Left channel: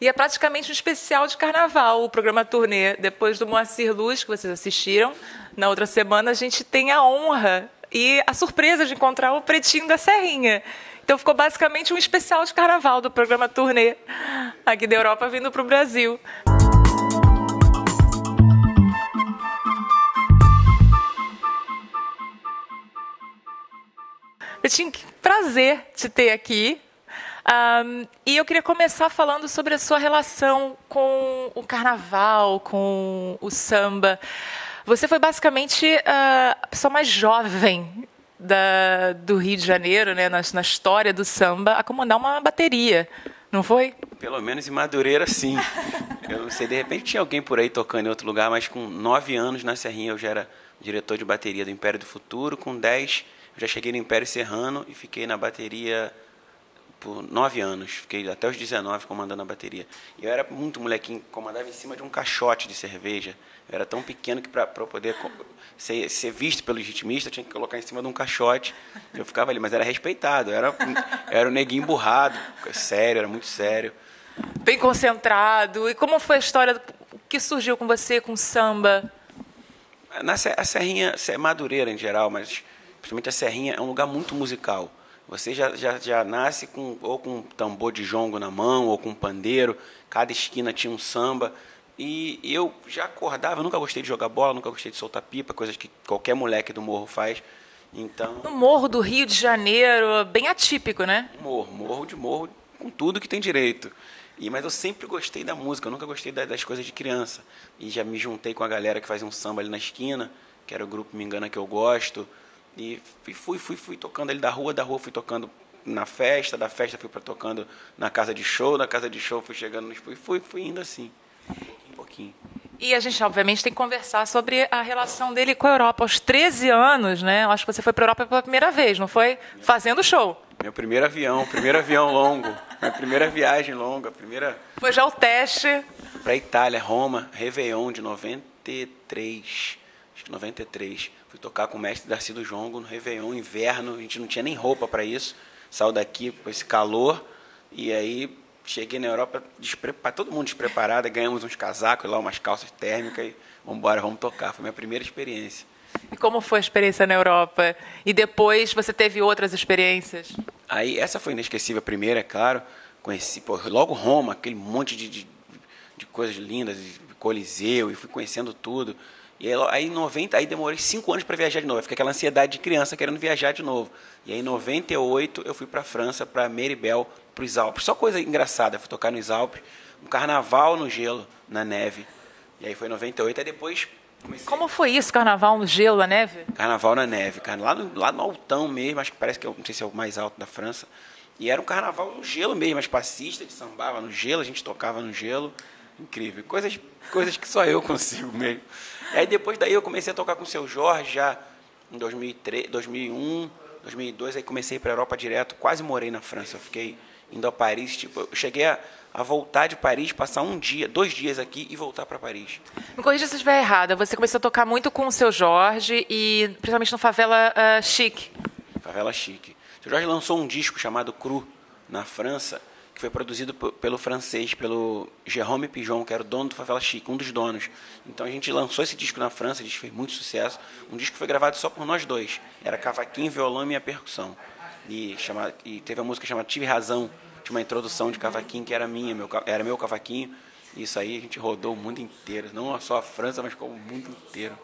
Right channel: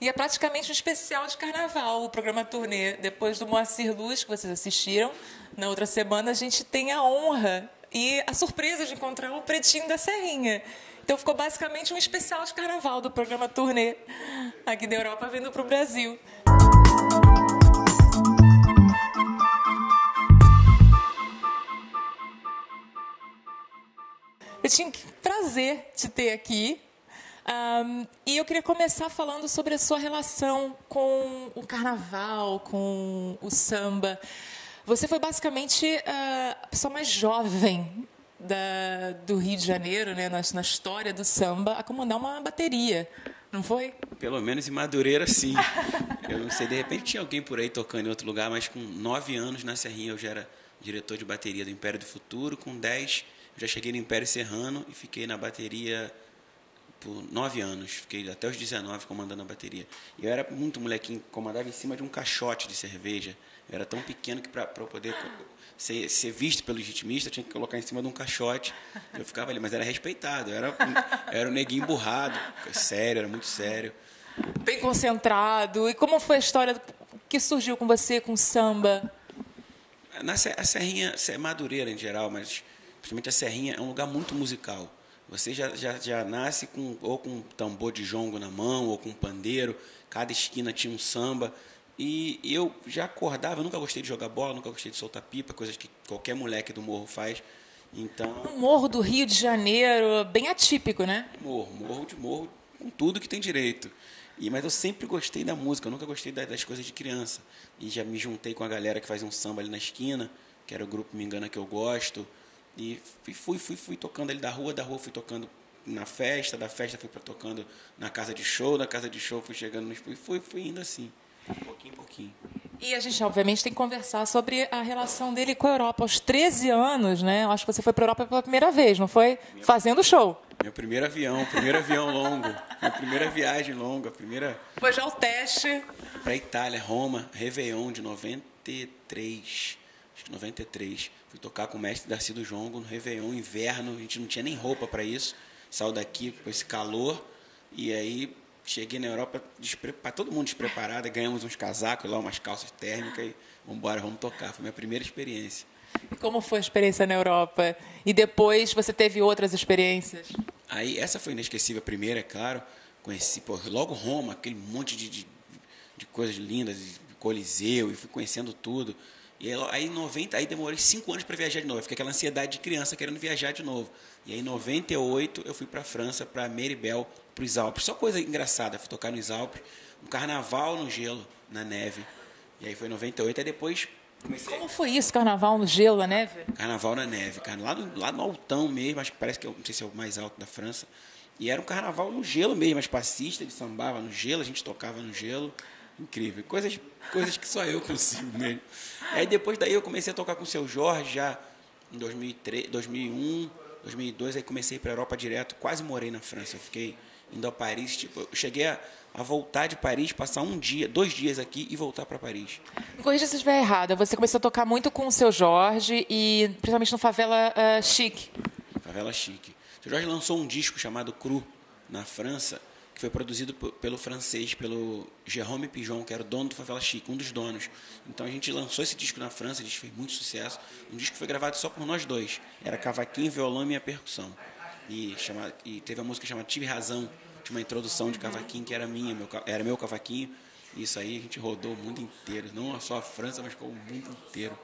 E é praticamente um especial de carnaval, o programa Turnê. Depois do Moacir Luz, que vocês assistiram, na outra semana a gente tem a honra e a surpresa de encontrar o Pretinho da Serrinha. Então ficou basicamente um especial de carnaval do programa Turnê, aqui da Europa vindo para o Brasil. Pretinho, que prazer te ter aqui. E eu queria começar falando sobre a sua relação com o carnaval, com o samba. Você foi basicamente a pessoa mais jovem do Rio de Janeiro, né, na história do samba, a comandar uma bateria, não foi? Pelo menos em Madureira, sim. Eu não sei, de repente tinha alguém por aí tocando em outro lugar, mas com 9 anos na Serrinha eu já era diretor de bateria do Império do Futuro. Com 10 eu já cheguei no Império Serrano e fiquei na bateria por 9 anos. Fiquei até os 19 comandando a bateria. E eu era muito molequinho, comandava em cima de um caixote de cerveja. Eu era tão pequeno que para eu poder ser visto pelos ritmistas, eu tinha que colocar em cima de um caixote. Eu ficava ali, mas era respeitado. Eu era o neguinho burrado, sério, era muito sério. Bem concentrado. E como foi a história que surgiu com você, com samba? A Serrinha, Madureira em geral, mas principalmente a Serrinha, é um lugar muito musical. Você já nasce ou com um tambor de jongo na mão, ou com um pandeiro. Cada esquina tinha um samba. E eu já acordava, eu nunca gostei de jogar bola, nunca gostei de soltar pipa, coisas que qualquer moleque do morro faz. Então, No Morro do Rio de Janeiro, bem atípico, né? morro, com tudo que tem direito. Mas eu sempre gostei da música, eu nunca gostei das coisas de criança. E já me juntei com a galera que fazia um samba ali na esquina, que era o grupo Me Engana Que Eu Gosto. E fui tocando ali da rua fui tocando na festa, da festa fui tocando na casa de show, da casa de show fui chegando nos... Fui indo assim, pouquinho em pouquinho. E a gente, obviamente, tem que conversar sobre a relação dele com a Europa. Aos 13 anos, né? Eu acho que você foi para a Europa pela primeira vez, não foi? Fazendo show. Meu primeiro avião longo, minha primeira viagem longa, Foi já o teste. Fui para Itália, Roma, Réveillon de 93, acho que 93. Fui tocar com o mestre Darcy do Jongo no Réveillon, inverno, a gente não tinha nem roupa para isso. Saiu daqui com esse calor e aí cheguei na Europa, todo mundo despreparado, ganhamos uns casacos lá, umas calças térmicas e vamos tocar. Foi minha primeira experiência. E como foi a experiência na Europa? E depois você teve outras experiências? Aí essa foi inesquecível, a primeira, é claro. Conheci logo Roma, aquele monte de coisas lindas, de Coliseu, e fui conhecendo tudo. E aí em 90, aí demorei 5 anos para viajar de novo. Fiquei aquela ansiedade de criança querendo viajar de novo. E aí em 98 eu fui para a França, para Méribel, para os Alpes. Só coisa engraçada, fui tocar nos Alpes, um carnaval no gelo, na neve. E aí foi em 98, aí depois comecei... Como foi isso, carnaval no gelo, na neve? Carnaval na neve, lá no altão mesmo, acho que parece que não sei se é o mais alto da França. E era um carnaval no gelo mesmo, as passistas de sambava no gelo, a gente tocava no gelo. Incrível, coisas que só eu consigo mesmo. E aí depois daí eu comecei a tocar com o Seu Jorge já em 2003, 2001, 2002, aí comecei para a Europa direto, quase morei na França. Eu fiquei indo a Paris, tipo, eu cheguei a voltar de Paris, passar 2 dias aqui e voltar para Paris. Me corrija se eu estiver errada. Você começou a tocar muito com o Seu Jorge e principalmente no Favela Chic. Favela Chique. O Seu Jorge lançou um disco chamado Cru na França, que foi produzido pelo francês, pelo Jérôme Pigeon, que era o dono do Favela Chique, um dos donos. Então a gente lançou esse disco na França, ele fez muito sucesso. Um disco que foi gravado só por nós dois. Era cavaquinho, violão e minha percussão. E teve a música chamada Tive Razão, tinha uma introdução de cavaquinho que era era meu cavaquinho. Isso aí a gente rodou o mundo inteiro, não só a França, mas como o mundo inteiro.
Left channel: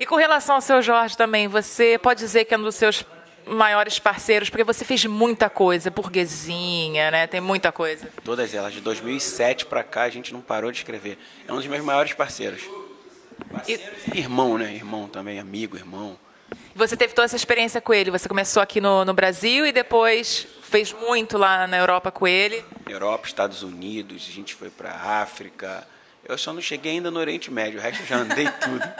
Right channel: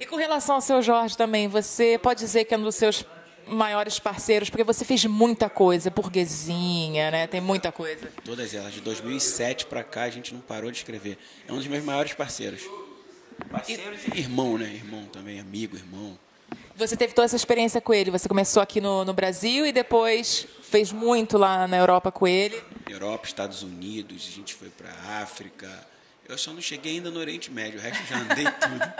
E com relação ao Seu Jorge também, você pode dizer que é um dos seus maiores parceiros, porque você fez muita coisa, Burguesinha, né? Tem muita coisa. Todas elas, de 2007 para cá, a gente não parou de escrever. É um dos meus maiores parceiros. Parceiros e irmão, né? Irmão também, amigo, irmão. Você teve toda essa experiência com ele, você começou aqui no Brasil e depois fez muito lá na Europa com ele. Europa, Estados Unidos, a gente foi para África. Eu só não cheguei ainda no Oriente Médio, o resto eu já andei tudo.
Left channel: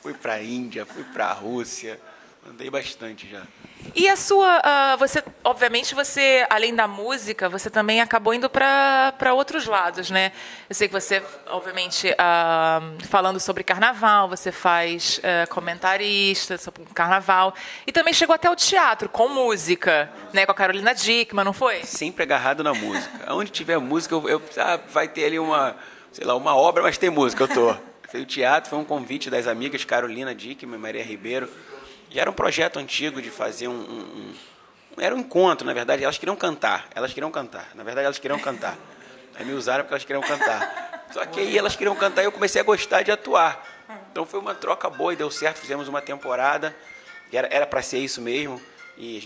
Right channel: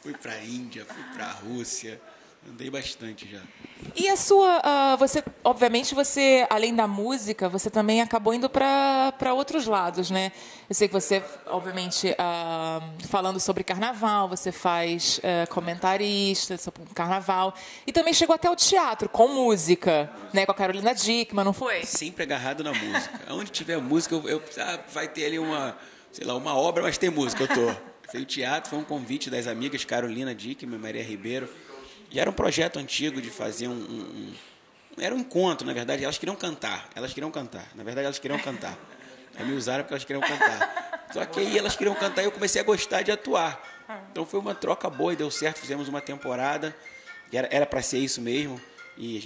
Fui para a Índia, fui para a Rússia, andei bastante já. E a sua, você, obviamente, você, além da música, você também acabou indo para outros lados, né? Eu sei que você, obviamente, falando sobre carnaval, você faz comentarista sobre carnaval, e também chegou até o teatro, com música, né? Com a Carolina Dickmann, não foi? Sempre agarrado na música. Onde tiver música, vai ter ali uma obra, mas tem música, eu tô. O teatro foi um convite das amigas Carolina Dickmann e Maria Ribeiro. E era um projeto antigo de fazer era um encontro, na verdade. Elas queriam cantar. Na verdade, elas queriam cantar. Aí me usaram porque elas queriam cantar. Só que aí elas queriam cantar e eu comecei a gostar de atuar. Então foi uma troca boa e deu certo. Fizemos uma temporada. Era para ser isso mesmo. E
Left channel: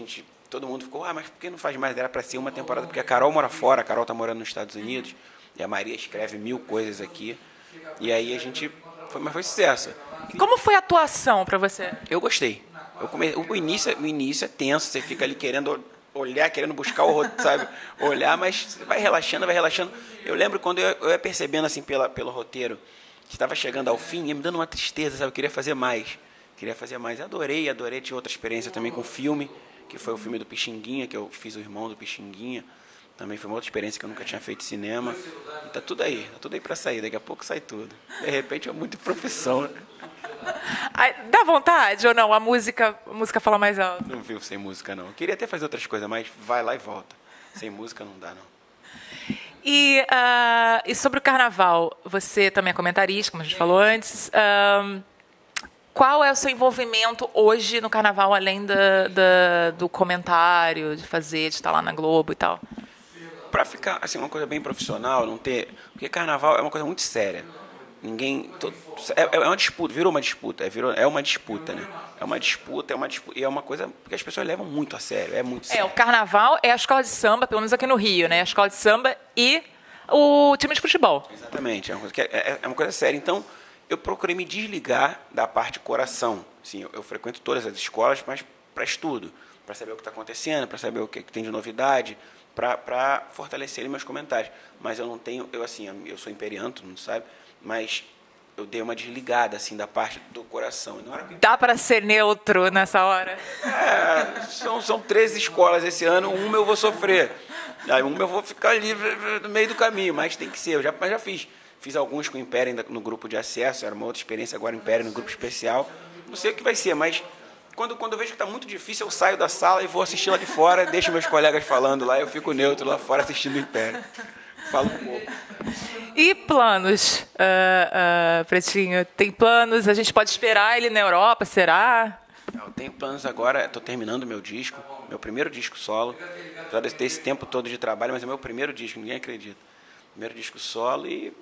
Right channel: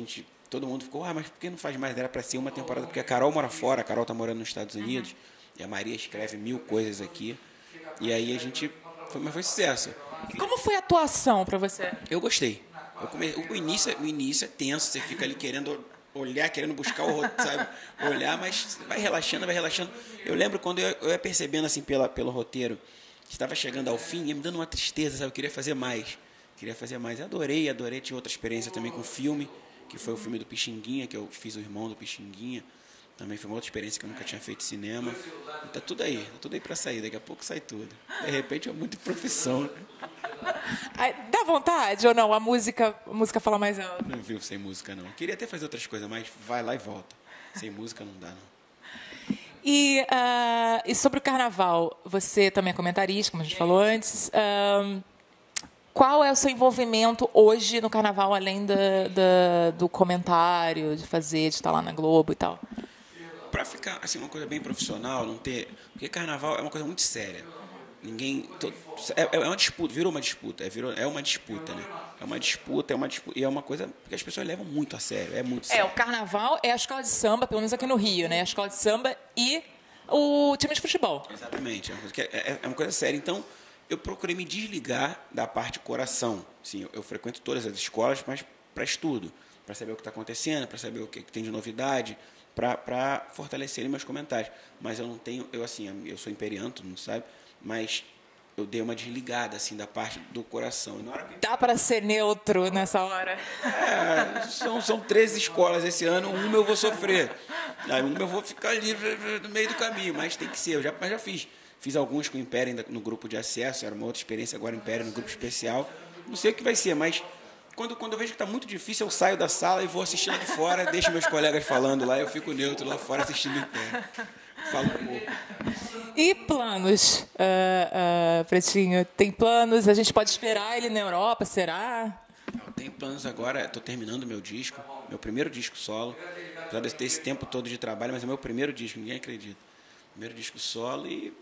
todo mundo ficou, mas por que não faz mais? Era para ser uma temporada, porque a Carol mora fora. A Carol está morando nos Estados Unidos. E a Maria escreve 1000 coisas aqui. E aí mas foi sucesso. Como foi a atuação para você? Eu gostei. O início é tenso, você fica ali querendo olhar, querendo buscar o roteiro, sabe? Olhar, mas vai relaxando, vai relaxando. Eu lembro quando eu ia percebendo assim pelo roteiro que estava chegando ao fim, ia me dando uma tristeza, sabe? Eu queria fazer mais. Adorei. Tive outra experiência também com filme, que foi o filme do Pixinguinha, que eu fiz o irmão do Pixinguinha. Também foi uma outra experiência que eu nunca tinha feito cinema. E tá tudo aí para sair, daqui a pouco sai tudo. De repente é muita profissão, né? Dá vontade ou não? A música fala mais alto. Não vivo sem música, não. Eu queria até fazer outras coisas, mas vai lá e volta. Sem música não dá, não. E sobre o carnaval, você também é comentarista, como a gente falou antes. Qual é o seu envolvimento hoje no carnaval, além do comentário, de estar lá na Globo e tal? Para ficar assim, uma coisa bem profissional, não ter... Porque carnaval é uma coisa muito séria. É uma disputa, virou uma disputa, é uma disputa, né? É uma disputa, e é uma coisa que as pessoas levam muito a sério, é muito sério. O carnaval é a escola de samba, pelo menos aqui no Rio, né? A escola de samba e o time de futebol. Exatamente, é uma coisa séria. Então, eu procurei me desligar da parte coração. Assim, eu frequento todas as escolas, mas para estudo, para saber o que está acontecendo, para saber o que tem de novidade, para fortalecer meus comentários. Mas eu não tenho, eu sou imperiano, todo mundo sabe, mas eu dei uma desligada assim da parte do coração. Dá para ser neutro nessa hora? São 13 escolas esse ano, uma eu vou sofrer. Aí uma eu vou ficar ali no meio do caminho, mas tem que ser. Mas já fiz. Fiz alguns com o Império no grupo de acesso, era uma outra experiência, agora o Império no grupo especial. Não sei o que vai ser, mas quando eu vejo que está muito difícil, eu saio da sala e vou assistir lá de fora, deixo meus colegas falando lá, eu fico neutro lá fora assistindo o Império. Falo pouco. E planos, Pretinho? Tem planos? A gente pode esperar ele na Europa, será? Eu tenho planos agora, estou terminando meu disco, meu primeiro disco solo. Apesar de ter esse tempo todo de trabalho, mas é meu primeiro disco, ninguém acredita. Primeiro disco solo e...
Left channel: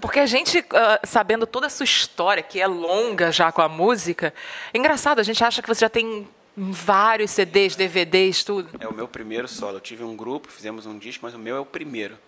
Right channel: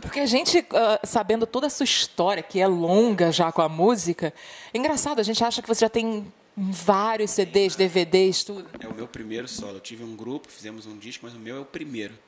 Porque a gente, sabendo toda a sua história, que é longa já com a música, é engraçado, a gente acha que você já tem vários CDs, DVDs, tudo. É o meu primeiro solo. Eu tive um grupo, fizemos um disco, mas o meu é o primeiro.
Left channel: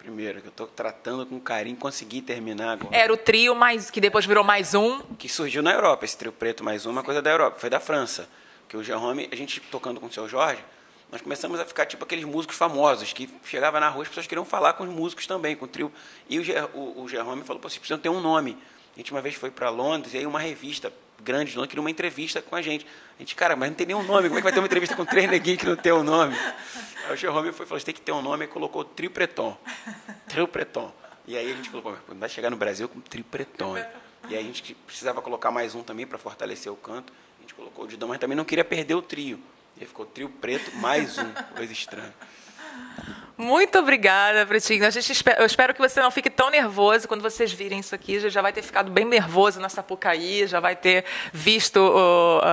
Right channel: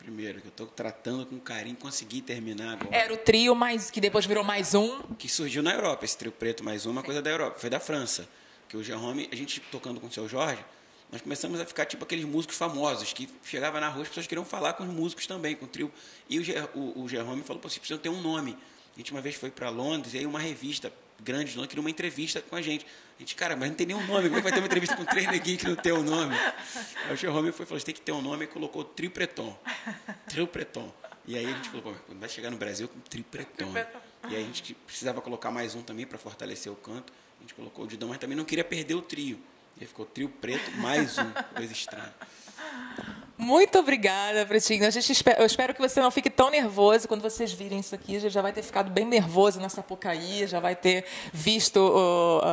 Que eu estou tratando com carinho, consegui terminar agora. Era o trio, que depois virou mais um. Que surgiu na Europa, esse trio preto mais uma coisa da Europa, foi da França. Que o Jerome, a gente tocando com o seu Jorge, nós começamos a ficar tipo aqueles músicos famosos, que chegava na rua, as pessoas queriam falar com os músicos também, com o trio. E o Jerome falou, vocês precisam ter um nome. A gente uma vez foi para Londres, e aí uma revista grande de Londres queria uma entrevista com a gente. A gente, cara, mas não tem nenhum nome, como é que vai ter uma entrevista com 3 neguinhos que não tem um nome? Aí o Jerome falou, você tem que ter um nome, e colocou Trio Preton. Trio Preton. E aí a gente falou, pô, vai chegar no Brasil com Trio Preton. E aí a gente precisava colocar mais um também para fortalecer o canto. A gente colocou o Didão, mas também não queria perder o trio. E aí ficou Trio Preto mais um, coisa estranha. Muito obrigada, Pretinho. Eu espero que você não fique tão nervoso quando vocês virem isso aqui. Já vai ter ficado bem nervoso na Sapucaí, já vai ter visto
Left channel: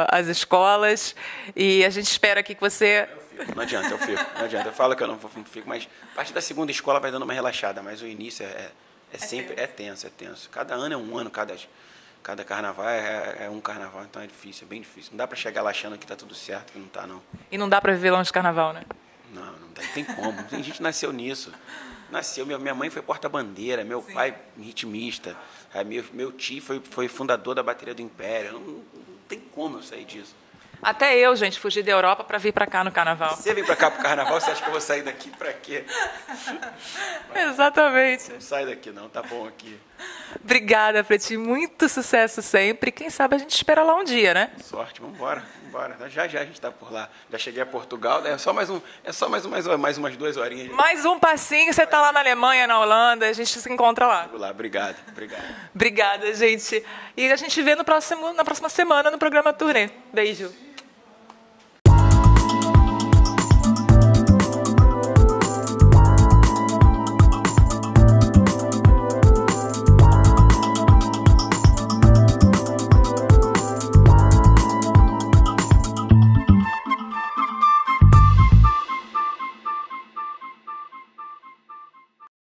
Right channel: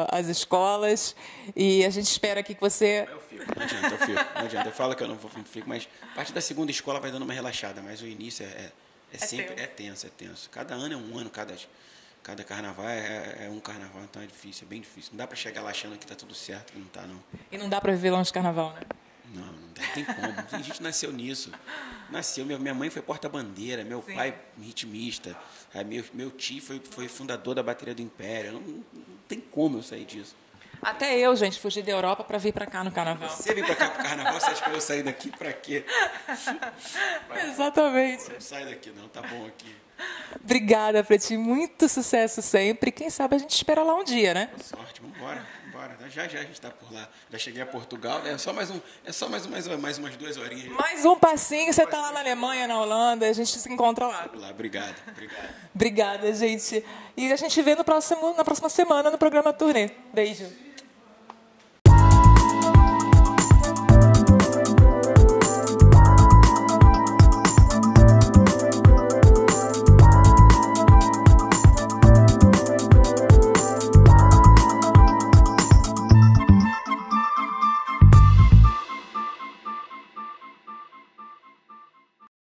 as escolas. E a gente espera aqui que você... Não adianta, eu fico. Não adianta. Eu falo que eu não fico, mas a partir da segunda escola vai dando uma relaxada. Mas o início é sempre tenso, é tenso. Cada ano é um ano, cada carnaval é um carnaval, então é difícil, é bem difícil. Não dá para chegar lá achando que está tudo certo, que não está, não. E não dá para viver longe de carnaval, né? Não dá, não tem como. Tem gente que nasceu nisso. Nasceu, minha mãe foi porta-bandeira, meu pai ritmista, meu tio foi fundador da bateria do Império. Não tem como eu sair disso. Até eu, gente, fugi da Europa para vir para cá no carnaval. Você vem para cá pro carnaval, você acha que eu vou sair daqui para quê? Exatamente. Não sai daqui não, tá bom aqui. Obrigada, Preti. Muito sucesso sempre. Quem sabe a gente espera lá um dia, né? Sorte, vamos embora. Já a gente está por lá. Já cheguei a Portugal, é só mais umas 2 horinhas. Mais um passinho, você está lá na Alemanha, na Holanda, a gente se encontra lá. Chego lá, obrigado. Obrigada, gente. E a gente vê na próxima semana no programa Turnê. Beijo.